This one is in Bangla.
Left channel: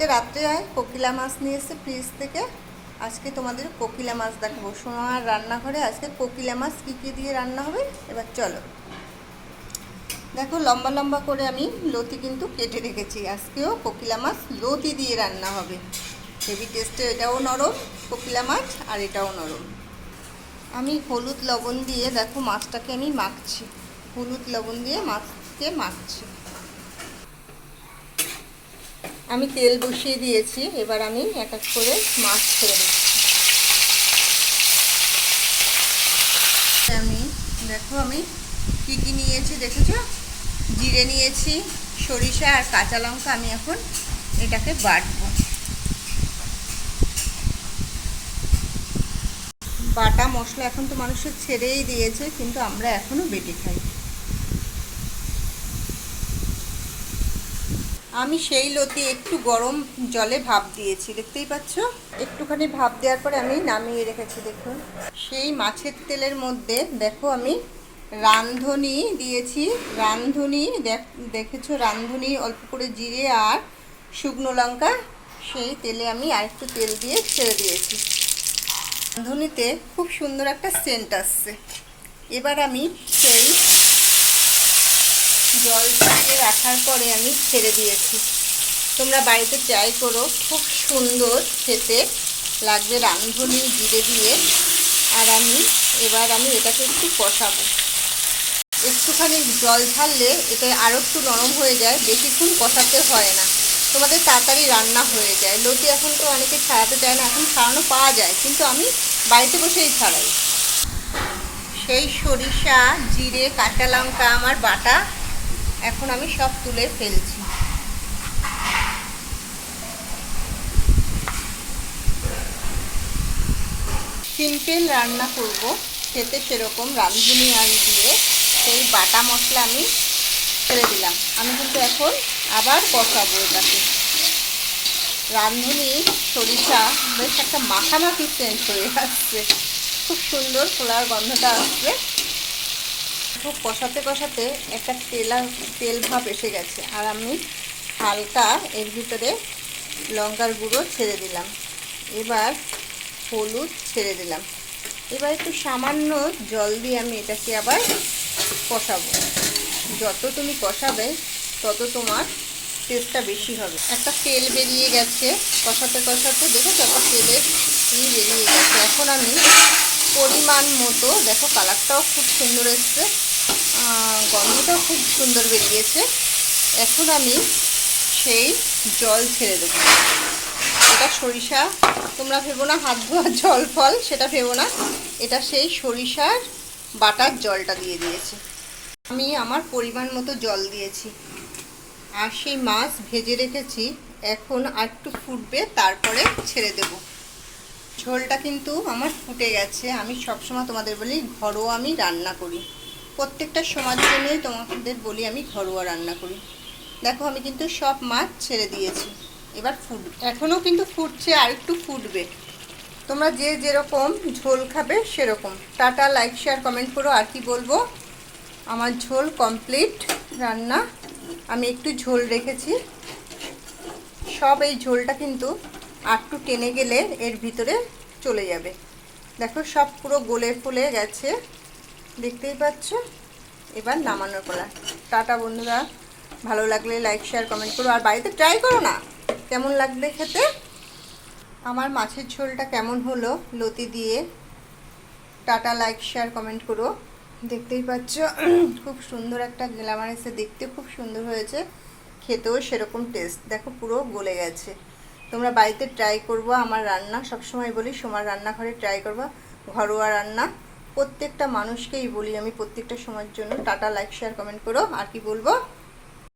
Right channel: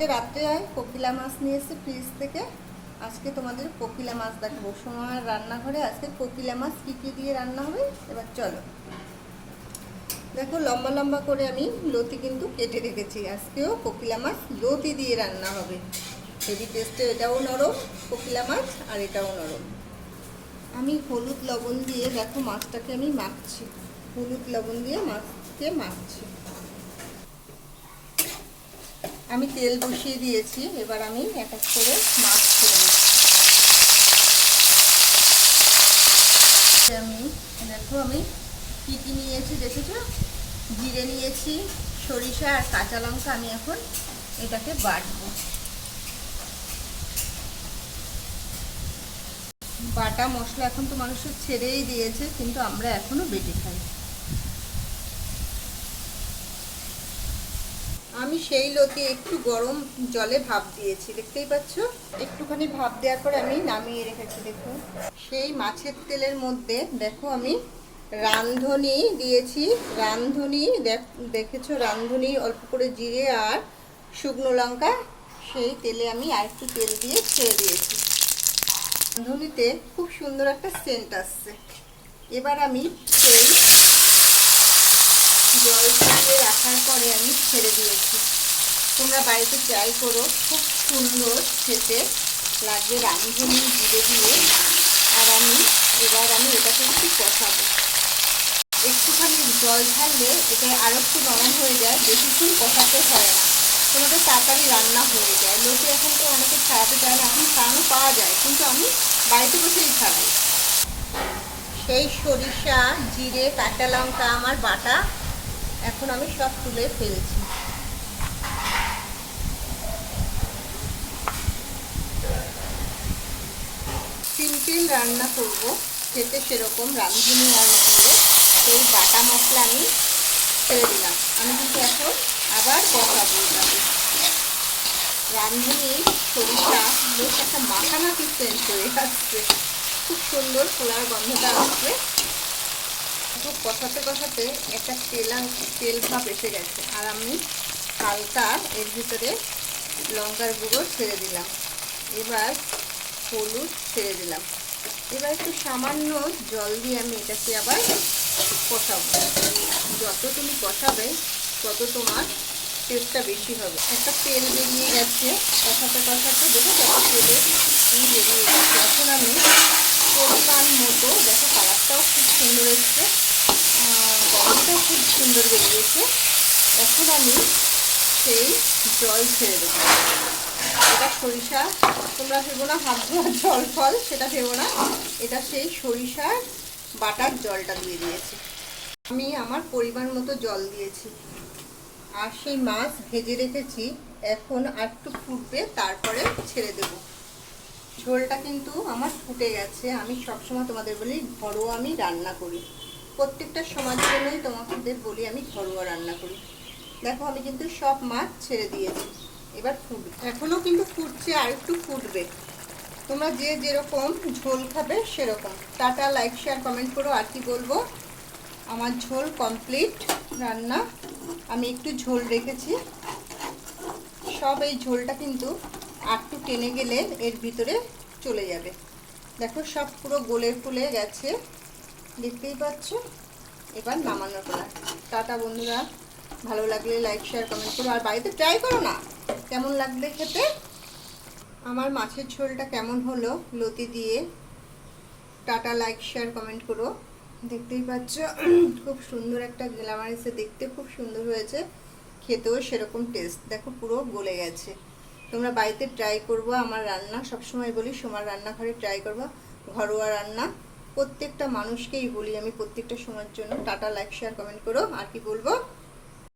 কালকে রাত্রে হয় কোকিলা মাছ নিয়ে এসে ফ্রিজ থেকে আজকে তোমাদের কোকিলা মাছ দেখাবো। সোনার রান্নাঘরে আজকে কোকিলা মাছ কী কী দিয়ে রান্না হবে? এবার চলো। দেখো, লম্বা লম্বা করে আমি লতি কিন্তু কেটে রেখেছি। আজকেও কোকিলা মাছ লতি দিয়ে রান্না হবে। হেভি টেস্টে এটাও নরম কোকিলা মাছ, আর এটাও নরম। আমি হলুদ লবণ দিয়ে দেখো মাছটাকে আমি মাখছি। হলুদ লবণ দিয়ে মাছকে মাখছি। আমি তেল বসিয়ে দিয়েছি, এবার আমি এক এক করে মাছ ছেড়ে দিচ্ছি। আমি, দেখো আমি কী কী নিয়েছি, দেখেছ? জিরে নিয়েছি, সরিষা আর কাঁচা লঙ্কা আমি এখন এটাকে বাটবো। বাটা মশলা এখন তো মানুষের ছেড়েই দিয়েছে, কিন্তু আমরা এখনও বেটে খাই আমি সেই লতি একটু গরম জলে ভাপ দিয়েছি, দেখতেই পাচ্ছ? একটুখানি ভাপ দেওয়ার পরে আমি নামিয়ে রেখেছি, দেখুন। সেই মাছের তেলের মধ্যে দেখো আমি রাঁধুনি দিয়েছি, রাঁধুনি দেখেছ? রাঁধুনি অল্প করে জিরে আর শুকনো লঙ্কা, সেই তেলে আমি আর একটু তেল দিয়ে ছেড়ে দিয়েছি। রাঁধুনিতে খুব সুন্দর একটা সেন্ট আসছে। এবার আমি সেই জল দিয়ে রাখার পরে আমি ছেড়ে দিয়েছি। তোমরা বাড়িতে ট্রাই করো, খুব সুন্দর খেতে লাগবে রাঁধুনি জিরে দিয়ে। আর আমি, এবার আমি এটাকে একটু কষাবো। একটুখানি জল ছাড়লে এটা আরও একটু নরম হয়ে যায়, বেশিক্ষণ কষাতে হয় না। তোমাদের তাড়াতাড়ি রান্না হয়ে যায়। লোকে এখন তো অনেকে ছাড়াতে চায় না, এখন ছাড়ানো পাওয়া যায়, কিন্তু আমি বাড়িতে বসেই ছাড়াই। সেই সরিষা, জিরে, কাঁচা লঙ্কা, আমার বাটা এখন আমি সব তুলে ফেলছি। সিম্পল রান্না করব। খেতে সেরকম রাঁধুনি আর দিয়ে সেই বাটা মশলা আমি ফেলে দিলাম। আমি কিন্তু এখন আবার কষাবো এটাকে। রাঁধুনি, সরিষা, বেশ একটা মাখামাখি সেন্ট হয়ে খুব সুন্দর খোলার গন্ধটা আসছে। খুব কষাতে কষাতে একটা তেলা তেল ভাব এসে গেছে। আর আমি হালকা এর ভিতরে লঙ্কার গুঁড়ো ছেড়ে দিলাম। এবার হলুদ ছেড়ে দিলাম। এবার একটু সামান্য জল দিয়ে আমি এটাকে আবার কষাবো। যত তুমি কষাবে, তত তোমার টেস্টটা বেশি হবে। একটা তেল বেরিয়ে গেছে কষাতে কষাতে। দেখো যত তেলের ই বেরিয়ে গেছে। এখন আমি পরিমাণ মতো, দেখো কালারটাও খুব সুন্দর এসছে। গন্ধটাও খুব সুন্দর বেরিয়েছে। এখন আমি সেই জল ছেড়ে দেবো। এটা সরিষা, তোমরা ভেবো না হাত ধোয়ার জল ফল, সেটা ভেবো না। এটা সেই সরিষার বাটার জলটা দিয়ে দিয়েছি। আমি আমার পরিমাণ মতো জল দিয়েছি। আর সেই মাছ ভেজে রেখেছি। এখন আর একটু ফুটবে, তারপরে ছেড়ে দেব। ঝোলটা কিন্তু আমার ফুটে গেছে। আমি সবসময় তোমাদের বলি, ঘরোয়া আমি রান্না করি। প্রত্যেকটা সমাজের জন্যই তোমাদের বলি আমি ঘরোয়া রান্না করি। দেখো, আমি কিন্তু সব মাছ ছেড়ে দিয়েছি। এবার ফুট এখনও কিন্তু ফুটছে, আর একটু ফুটবে। তোমরা যে যেরকম ঝোল খাবে সেরকম। টাটা লাইক শেয়ার কমেন্ট করো। আর কি বলব? আমার ঝোল কমপ্লিট রান্না। আমি একটু ঝোল রেখেছি। সব এই ঝোলটা কিন্তু আটটু টেনে গেলে এর ভিতরে চলে যাবে। দেখো, সব পুরো গোলে ফুলে গেছে। দেখতেই পাচ্ছ? এবার নামানোর পর টাটা বন্ধুরা। ভালো লাগলে লাইক শেয়ার কমেন্ট করো। আর বাড়িতে ট্রাই করো না। কেমন লাগবে খেতে? আমার মাছের ঝোলটা কেমন হলো? লতি দিয়ে। টাটা লাইক শেয়ার কমেন্ট করো। দেখতেই পাচ্ছ? খুব সুন্দর একটা গ্লামার এসে দেখতে খুব সুন্দর হয়েছে। খেতেও সেরকম টেস্ট দেখো, পুরো গলে গেছে। তোমরা বাড়িতে ট্রাই করব। আমার রান্না সবসময় বলি, সোমার রান্নাঘরে ট্রাই করব। ঘরোয়া রান্না। প্রত্যেকটা মানুষকেই বলি আমি প্রত্যেকটা সময়ের জন্য। টাটা লাইক শেয়ার কমেন্ট করো। আর কি বলব?